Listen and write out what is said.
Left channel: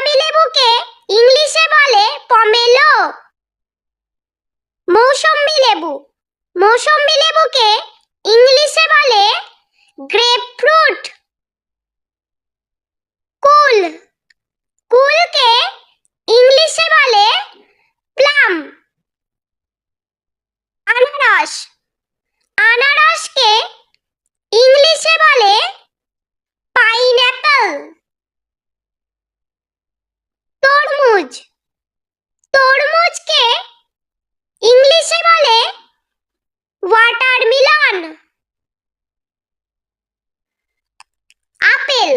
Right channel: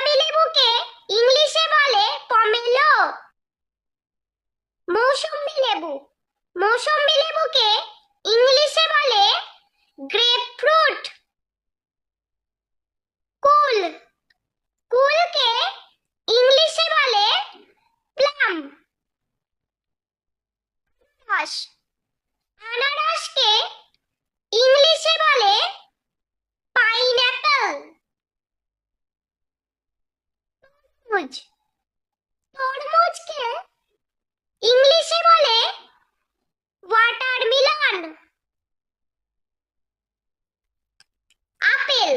বাদামি লেবুকে ইংলিশে বলে পমেলো। মৌসম্বি লেবুকে ইংলিশে বলে গ্রেপফ্রুট। কুলকে ইংলিশে বলে প্লাম। আনারসকে ইংলিশে বলে পাইনঅ্যাপল। তরমুজকে ইংলিশে বলে ওয়াটারমেলন। আপেল